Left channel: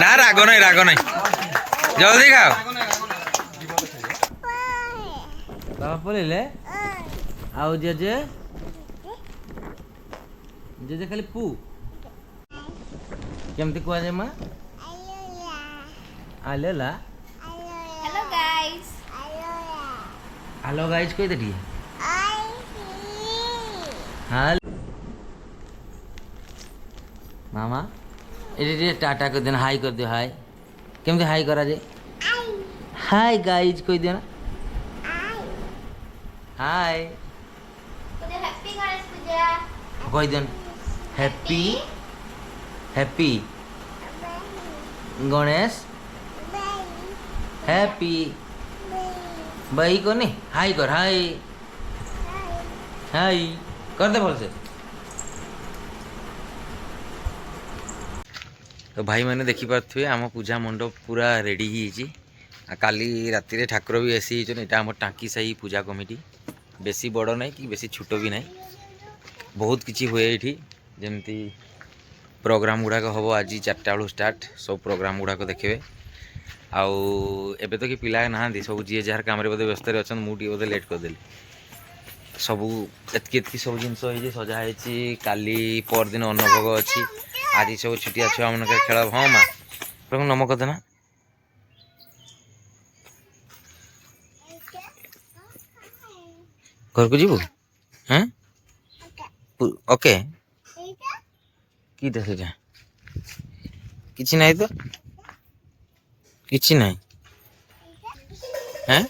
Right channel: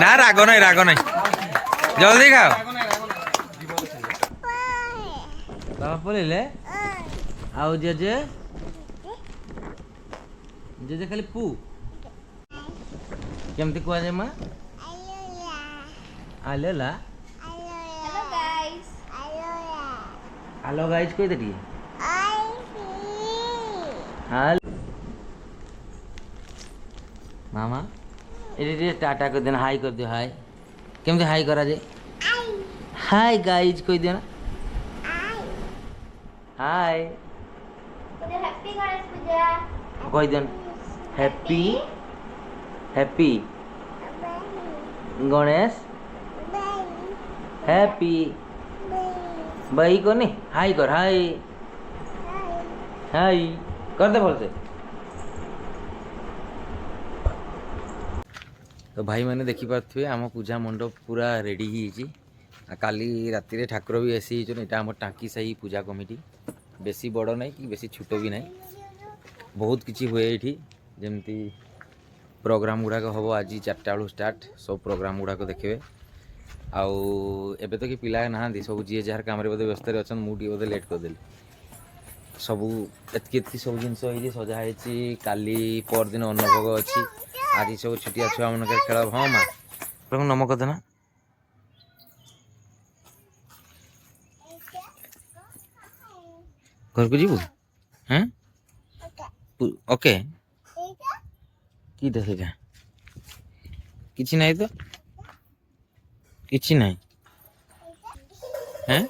না রাগ নাই জলদি খাও বাবা পড়িলে ଆଉ ଜେଜେ ଜେଜେ ଖାଲି ପୁ କେମିତି କୁହାଯାଏ ମା ଆଲୋଲା ହ୍ୟାଲୋ ଗାଇସ୍ କହିଦେ ଟିକେ ମାମା ଏଠି ଟିକେ ଟାଟା କରିଦିଅ ହାଇ କରିଦିଅ ହାଇ କେମିତି ହାଇ କରାଯାଏ ହାଇ ଗାଇଜ୍ କହିଦିଅ ନା ହାଇ କହିଦିଅ ହ୍ୟାପି ହ୍ୟାପି ଗଣେଶ ହ୍ୟାପି ବହି କନି ହାଇ କର ହାଇ ହାଇ କରିଦେ ଭଲସେ ତ ଭାଇମାନେ ଦେଖିପାରୁଥିବେ ଆମ ପୂଜା ମଣ୍ଡପ ପୁରା ରେଡ଼ି ହେଇଯାଇଛି ଆଉ କାଲି ରାତିରେ ଠାକୁର ବି ଆସି ହେଇଛନ୍ତି ଏଇଟା ଆମର ଟାଙ୍କି ସାହି ପୂଜା କମିଟି ବେଶୀ ବଡ଼ ନାହିଁ କି ବେଶୀ ଛୋଟ ବି ନାହିଁ ବହୁତ କିଛି ହୁଏ ଏଇଠି ଯେମିତି ପ୍ରୋଗ୍ରାମ ଗୁଡ଼ାକ ହେବ ଆଜି 4ଟା ବେଳୁ ଷ୍ଟାର୍ଟ ସବୁ ପ୍ରୋଗ୍ରାମ ଗୁଡ଼ାକ ଦେଖିବେ ଆଉ ଏବେ ତ କି ପିଲା ନାହାନ୍ତି ସବୁ ଯିଏ ଯାହାର କାମରେ ବୋଧେ ବ୍ୟସ୍ତରେ ଅଛନ୍ତି ମୁଁ ଟିକେ ବୋଧେ ଲେଟ୍ କରିଦେଲି ସବୁ ଏତିକି ସବୁ ଜିନିଷ ହେଇଛି ସଜା ହେଇଛି କାଲି ପରଦିନ ଅନ୍ନଭୋଗ ଅଛି ଆଜି ସବୁ ଛୁଟିଆ ଛୁଆମାନଙ୍କର ଖେଳ ହଁ ମା ପ୍ରଭୁ ନମ କଥା ନା ଘରକୁ ଯିବୁ হ্যাঁ ওকে কিটা সেটা কিছু নাই তো কিছু নাই হ্যাঁ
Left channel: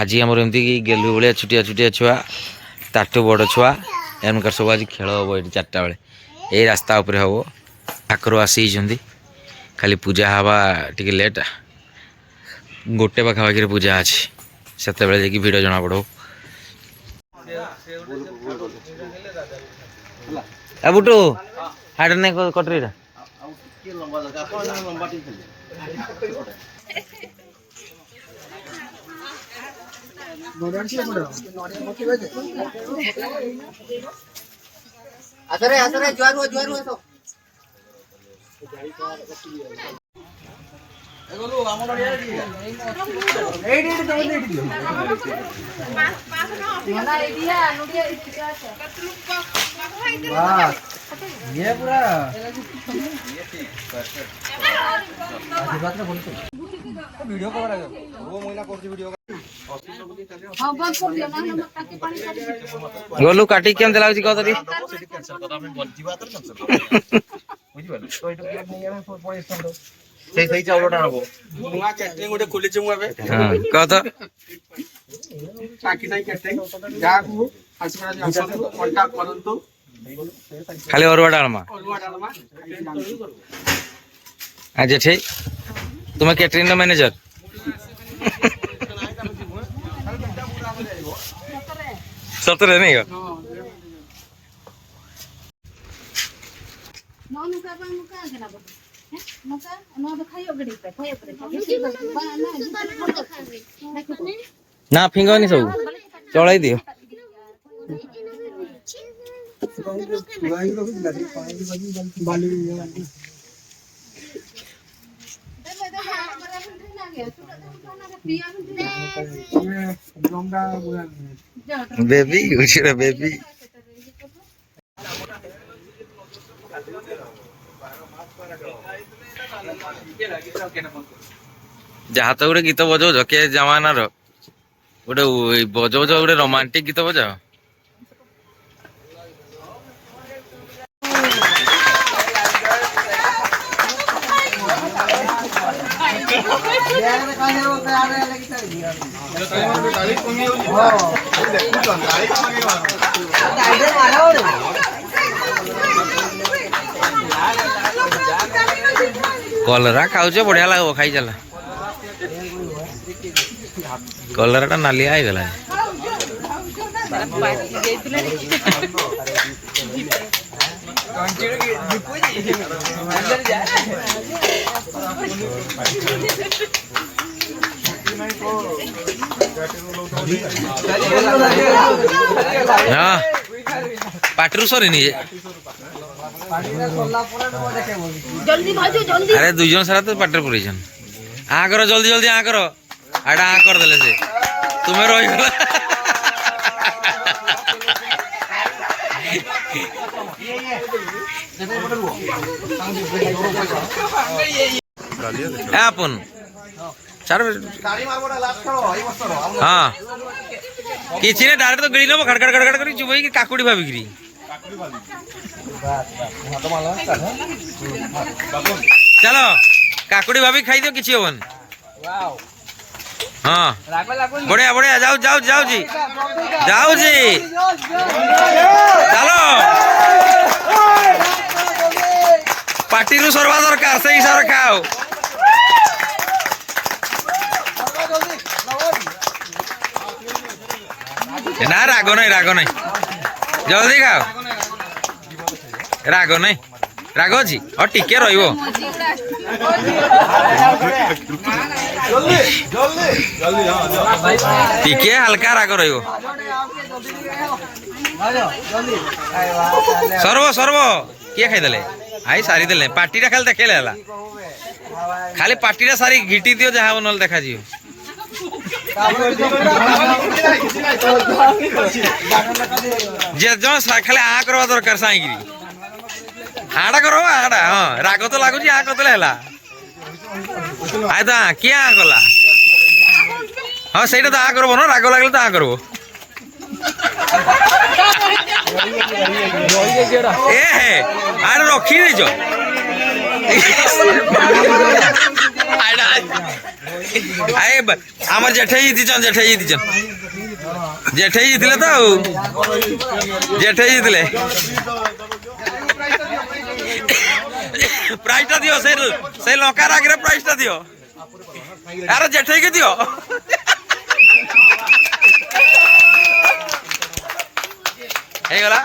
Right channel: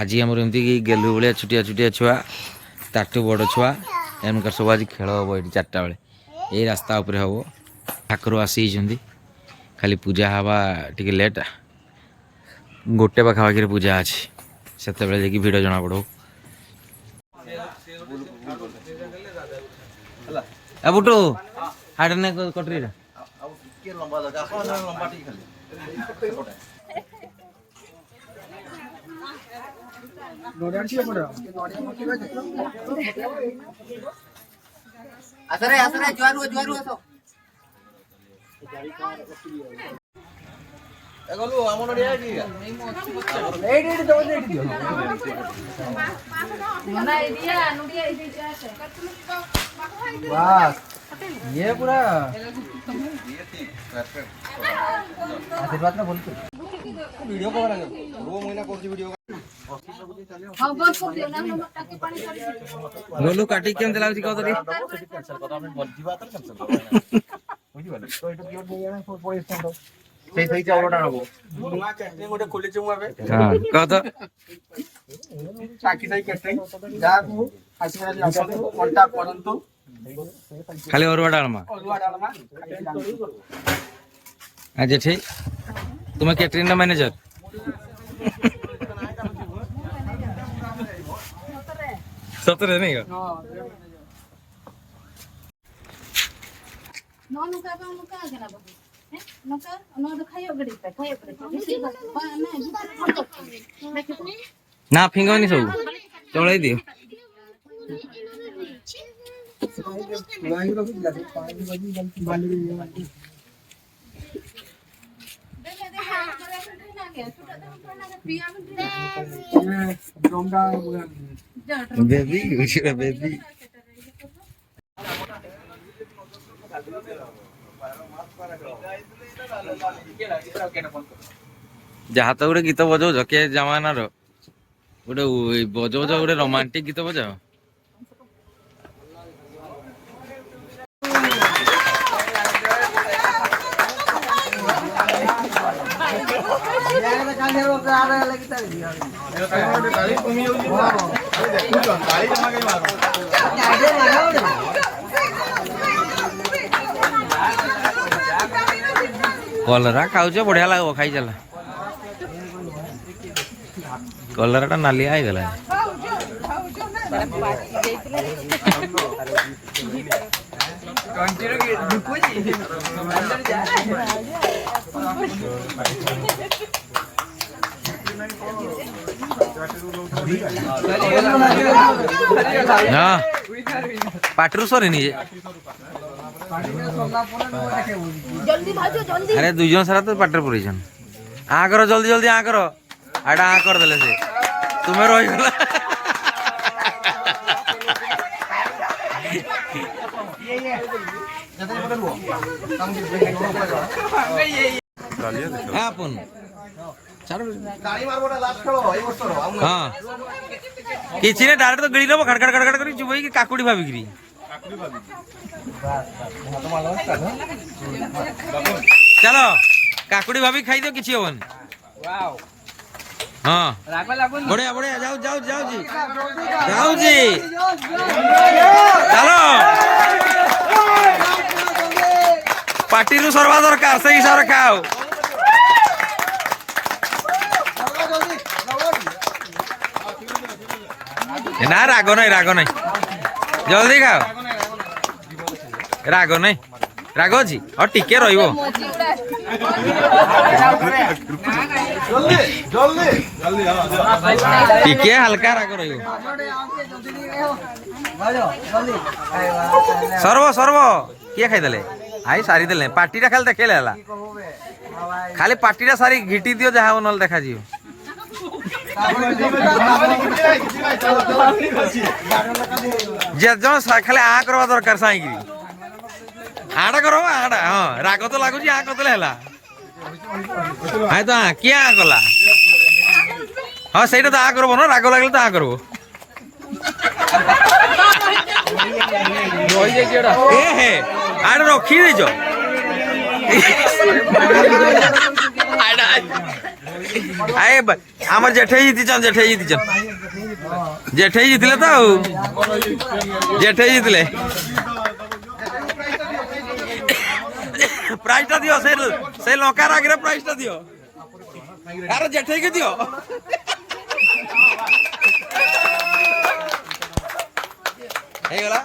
आज आम एमती गेलु भाया छुटिया छुटिया छुआ ताठू बड़ छुआ एमकार सब आज खेल हम ये 4टा बेले यही रास्ता उपरे हम ठाकुर आसी खाली पूजा हवा टी लेट गोटे पाखापाखि पूजा अच्छी से भिड़ जना पड़ बुटू हाट नहीं कटरी असरे असरे जुआरू जुआरू असो एगोलु हमर रिया दी एडी एडी दो एडी दियो ना एडिया नुडिया एडी आछे वाह ये पूरा ये ठीक परफेक्ट आशीर्वाद ना बोलते वीडियो कवर आ वो महीना करছি वीडियो हां बस कर दियो ना नंबर टाके पानी काटी गोलू काटी केम देलाउची कह तरी कैंसिल कर हम जीवा तो कैंसिल बुझिबा तो एटा प्लेट नहीं हम पड़े स्टैंड सही सही चावलटा नबो नुआ कैटरिंग गोटे खोलिछु मु एबे हां कह तो टाकी सही कैटरिंग जाकू आशीर्वाद आसन कांटेक्ट करंतु खाली अरुआ डालमा आज ठीक तुम्हें कैटरिंग द मैनेजर सतरे नहीं का ना फिंगा नहीं सब चढ़ाई दियो बेबी उछड़ा बेबी जहाँ तो गोटे गीत बजाऊ के जमानार गोटे बजाऊ गोटे रोमांटिक गीत बजाओ कलरा खाऊच बढ़िया लगे खाई चला कलरा नालिया गला ହଁ ପାଟିରୁ ସରିନି ଯେ ଆରେ ଦୁଇ ଜଣ ସାରା ତ ପାଟିରେ ପୁରେଇଛନ୍ ଆ କର ଜଲ୍ଦି ଜଲ୍ଦି ଆ କର ଆଟା ଆ କରିଦେଲେ ସେ ତୁମେ ରହିଗଲା আপন ছাড় হ্যাঁ କିଛି ନାହିଁ ଡାଇରେକ୍ଟ ତ ଗିଳି ନେବ ଖାଡ଼ ଖାଡ଼ ଖାଡ଼ କରି ଚୁବେଇକି କାକୁଡ଼ି ଭାବିକିରି ଚାଲ କାକୁଡ଼ି ଭାବିକି ଖାଇଦିଅ କିଛି ହବନି ହଁ ବଢିଆ ବଢିଆ ଯାଉ ଯାଉ ଯାଉଛି ଯାଉଛି ଚାଲ ପାଟିରୁ ସର୍ବା ଦରକାର ସେଇ ହିସାବରେ ଖାଅ ନା ରାଗ ନାହିଁ ଜଲ୍ଦି ଖାଅ ରାଗ ନାହିଁ ରାଗ ଅଛି ଆଉ ଟିକେ ରହିବ ଟିକେ ହାଲକା ରାଗ ରହିବ ସର୍ବ ସର୍ବ କିଏ ଖାଇଦେଲେ ଆଇ ସାରିଦେଲେ ପାଟିଟା ଖାଲି ଦେଖେଇଲେ ହେଲା ଖାଲି ପାଟିଟା ସାରି ଘିଟି ଦିଅ ଯାହା ହବ ନହେଲେ ଦେଖାଯିବ ଯେ ଜଣ ଖାଲି ଆ କରିବା ଦରକାର ସାଇକିରି ଆଡା କର ଆଡା ହଁ ରାଗ ତ ଲାଗୁଛି ଆ କରିଦେଲେ ହେଲା ଆଇ ତ କିଏ ଆ କଲା ହଁ ସେଇଟା ତ ଆ କରବ ନା ରାଗ ଲାଗିଲେ ତ ଆ କରବ ଏ ହେ ଆଡେ ରଖି ଦେଇଛ আমার জেঠেই জিতিছন জেঠেই জিতলে তো জেঠেই জিতলে প্রাইজটা দিও সেই লঙ্কার আগে প্রাইজটা দিও আরে জেঠেইকে দিও ହେଇଗଲା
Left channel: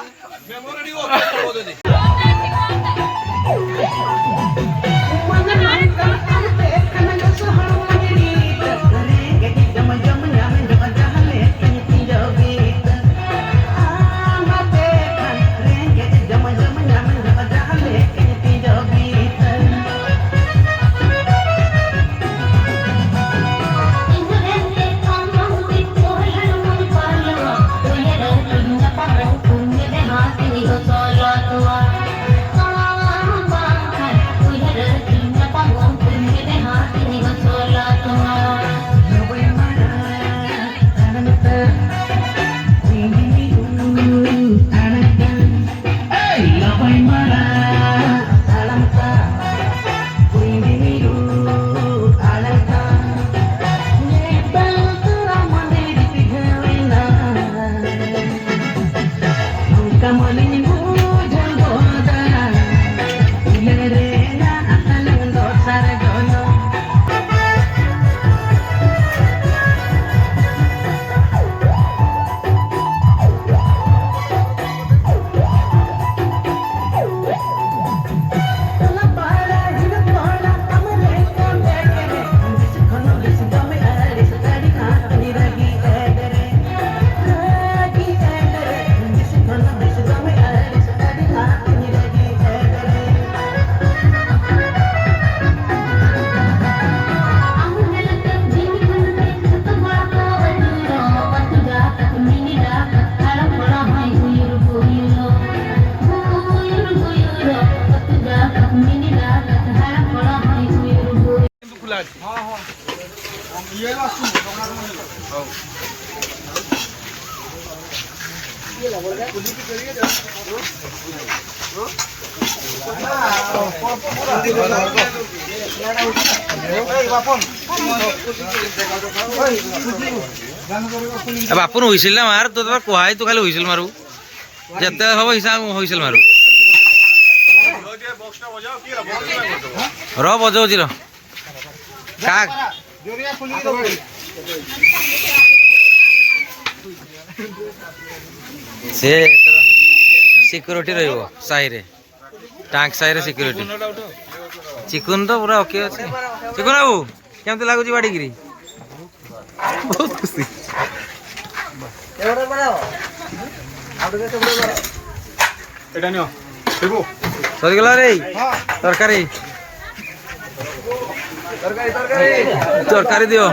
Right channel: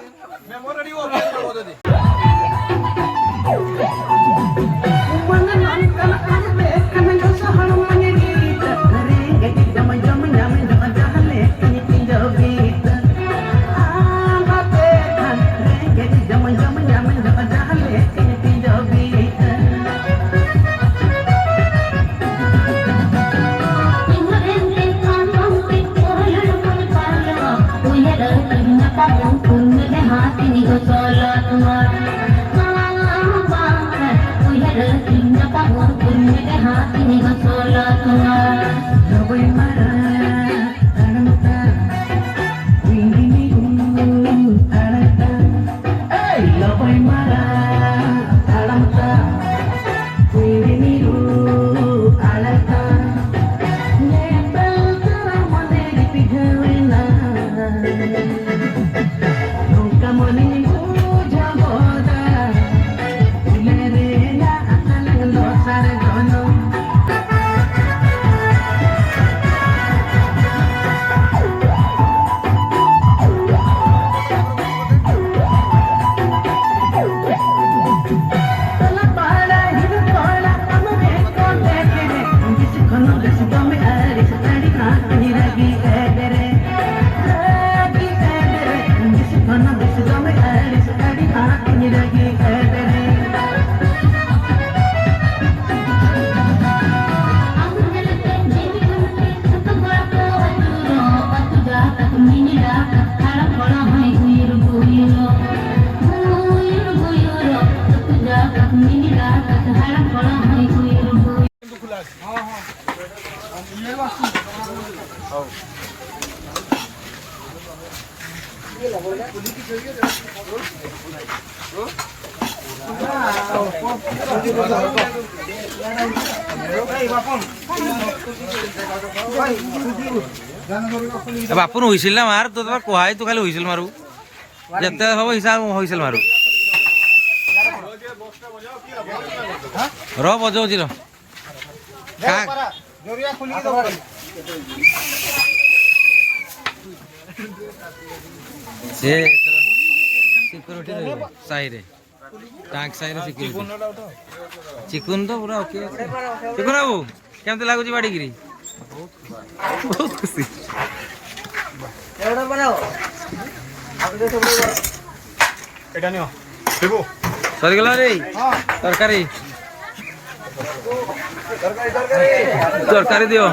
বাপুন হুইসেল না মার তো তোমার কোহাই তো খালি হুইসেল মারু যেতে হব হিসাব হুইসেল মারু র বজাউছি র কাক সে সিক্ୟୁରିଟି ରହିବ ସାହିରେ ଟାଙ୍କ ସାହିରେ ସିକ୍ୟୁରିଟି ଚିକୁନ ତ ପୁରା ଓକେ ଅଛି চিকুন বাবু কেমতি লাগুଛି ବାଡିକିରି ବହୁତ ଖୁସି ସରିଗଲା ରେ ତରକାରୀ ତରକାରୀ ଦିଅ